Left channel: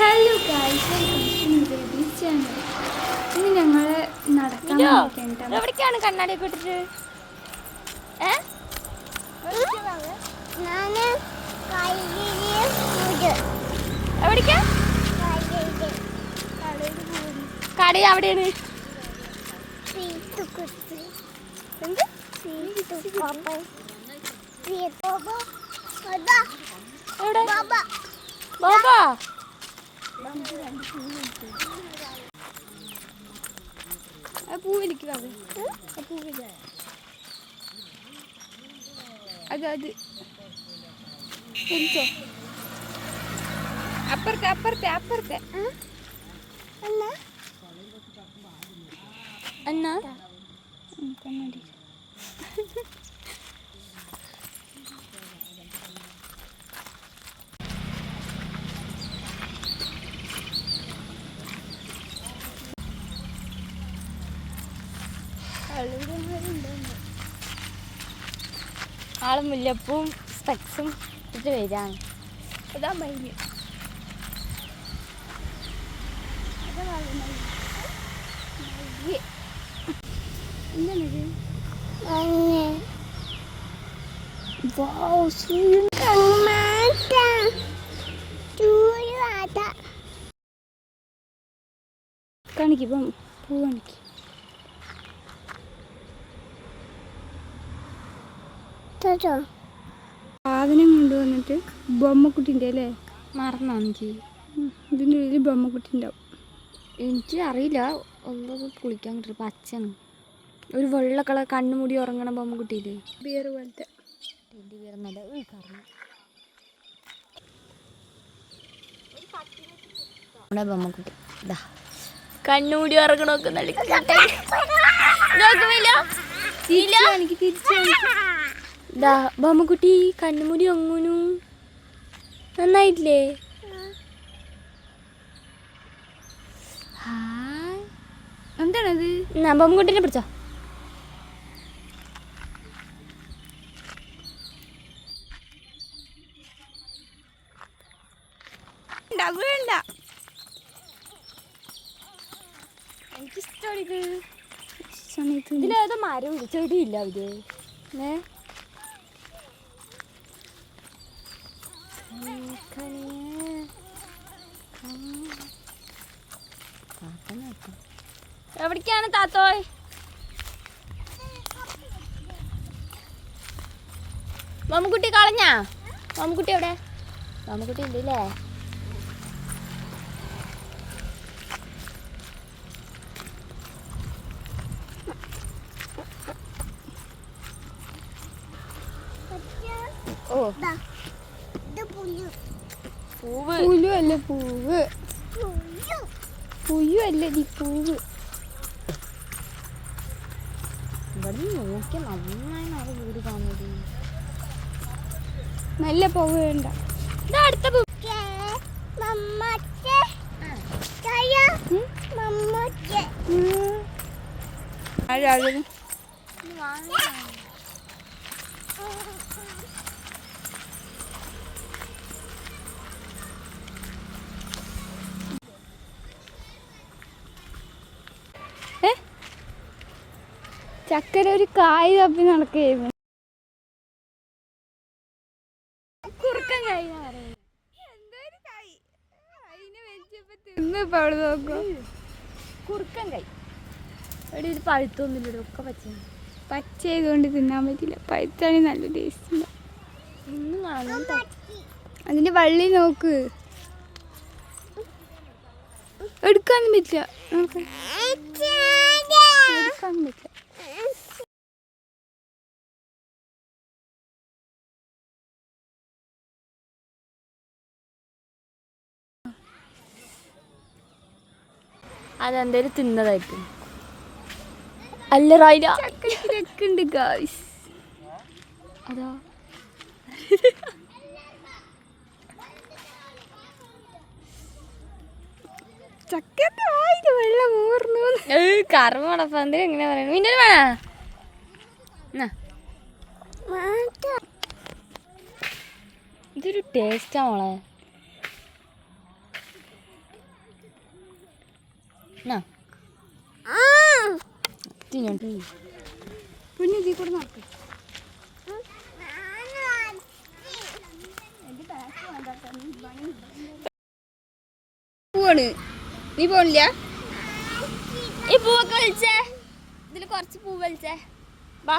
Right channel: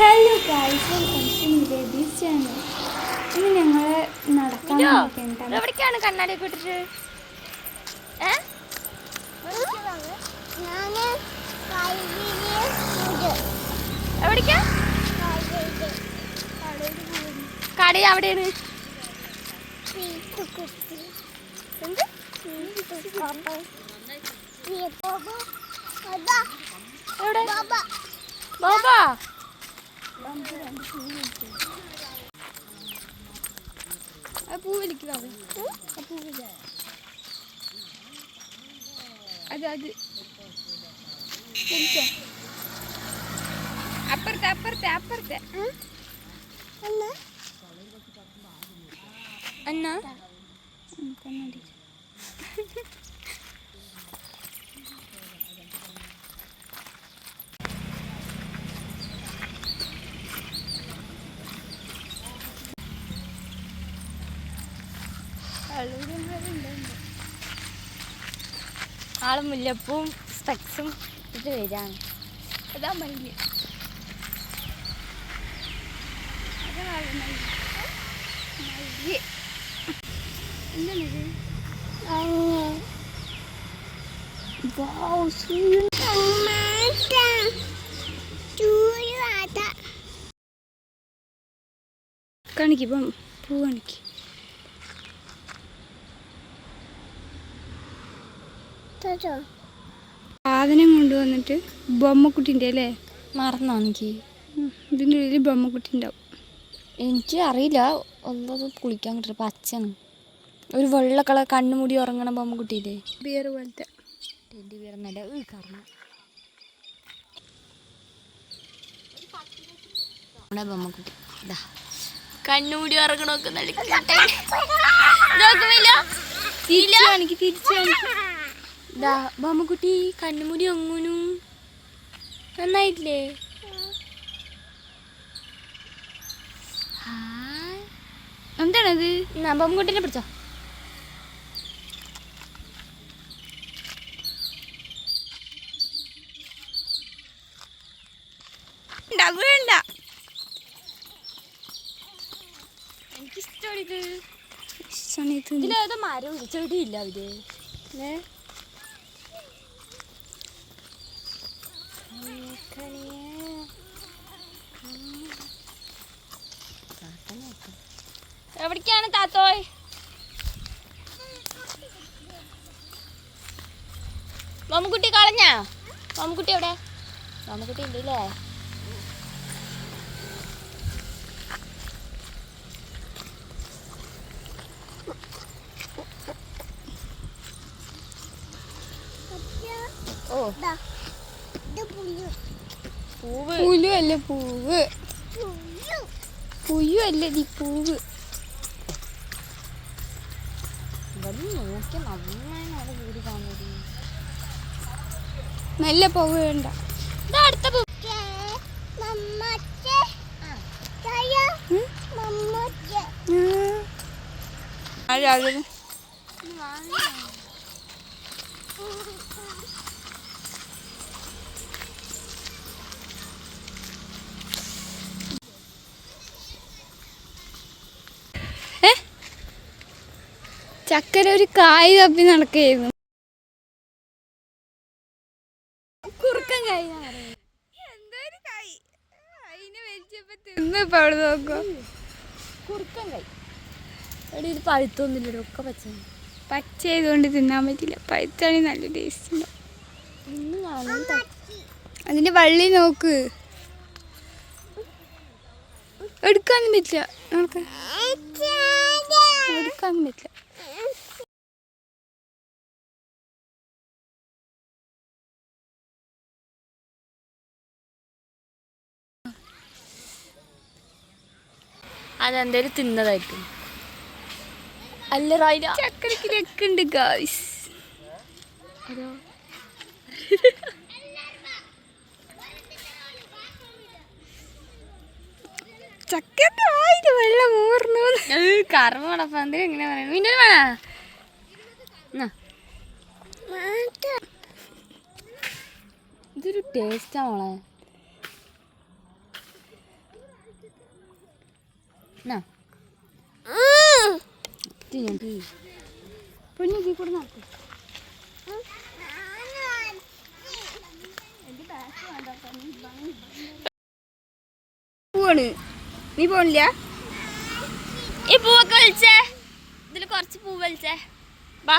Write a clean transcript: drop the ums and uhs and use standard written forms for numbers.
Hello guys, welcome two babies channel. ഇന്ന് ഞങ്ങൾ നടക്കാൻ വേണ്ടിയിട്ടാണ്. എവിടേക്കാണ് കണ്ണാടിയൊക്കെ ഇട്ടിട്ട്? എവിടേക്കാ? കട അവിടെയാണ്. എന്ത്? എവിടെ? ബാബാ പൂവിലിക്ക് ബാബ. അത് അപ്പുറത്തെ അപ്പുറത്തെ അപ്പുറത്തെ എന്നാ ആള് മുല്ലപ്പൂവും സ്പെക്സും ഇത് വരാണ്. അതാ മയില്. എന്താണിത്? കാണിക്കും പൂ കാണിക്ക്. സാധനം കൊണ്ടുവന്നിട്ട് ബൊമ്മക്കുട്ടിൻ്റെ അല്ലേ? മറന്നോ എനിക്ക്? ഇതിൻ്റെ ഉള്ളിൽ ബൊമ്മക്കുട്ടി ഉണ്ടാവും. എനിക്ക് അറിയില്ല. ഒന്നത് കുളിക്കാൻ കിട്ടും. പച്ചയാണ് ഒരു വെള്ള കളർ കണ്ണുമുടി ഉറങ്ങണ ബൊമ്മക്കുട്ടിയില്ലേ? ബിയർ പോലത്തെ ടെഡി ബിയർ എന്നല്ല ബൊമ്മക്കുട്ടി. ഇതാ കണ്ണുമുടി ഉറങ്ങണമൊക്കെ ഇതാ ബൊമ്മക്കുട്ടി കണ്ണുമുടി ഒങ്ങുന്നു. നന്നായിട്ടില്ലേ? എന്താണത്? ബൊമ്മക്കുട്ടീനെ പിടിച്ചോ. വേണ്ട, എനിക്കിഷ്ടമാണ് ഇത്. ഇഷ്ടമാണ്. ഇതിലേതോ മരം ചെടിയില്ല ഇത്. എവിടേക്കാണ് താത്തോയ്? ബൊമ്മക്കുട്ടി കളഞ്ഞാ? ബൊമ്മക്കുട്ടി എവിടെ? ബൊമ്മക്കുട്ടി ഉണ്ട് അല്ലേ? പുലു അല്ല പൂവ്. പുയു അല്ല നീ പൂവ്. ഇവിടെ നോക്കി നന്നായി വീട് കാണുന്നത്. നല്ല പൂവ് വേണ്ട. അടുത്ത ചക്കര ഒരു കായ് തപ്പി നടക്കുകയായിരുന്നു. കുറുക്കൻ കൈ കുറുക്കൻ കൈ എവിടെ ഒരു പഴുത്തൊന്നുമില്ലല്ലോ. ഒക്കെ പച്ച പച്ച ആയതുകൊണ്ട് തിന്നാൻ പറ്റില്ല. പഴുത്താണെങ്കിൽ നല്ല ടേസ്റ്റ് ഉണ്ടാവും. ഒന്നും കാണാൻ അതിന്റെ വള്ളി നോക്ക്. എടുക്കാനും പറ്റില്ല. നമുക്ക് എടുക്കാനും പറ്റില്ല. അതെന്തേലും തിന്നതായിരിക്കും. അല്ല റൈഡ ചക്കരക്ക് രക്കുണ്ട് ഗായ്സ്. അതാ ചക്കന്റെ വായില് വെള്ളം ഊർന്നു. കറവടപ്പം എന്തിനും എങ്ങനെ പറയണം? പിന്നെ ഇതൊരു ടേസ്റ്റാ മോളെ. കുഞ്ഞു ഇതിൽ കൂടെ നോക്ക്. പോവാണ്. നീ പോണില്ല? ഈ പൂവൊക്കെ വലിച്ചേ, ഇതിൽ കുറച്ച് പൂ വലിച്ചേ. വാ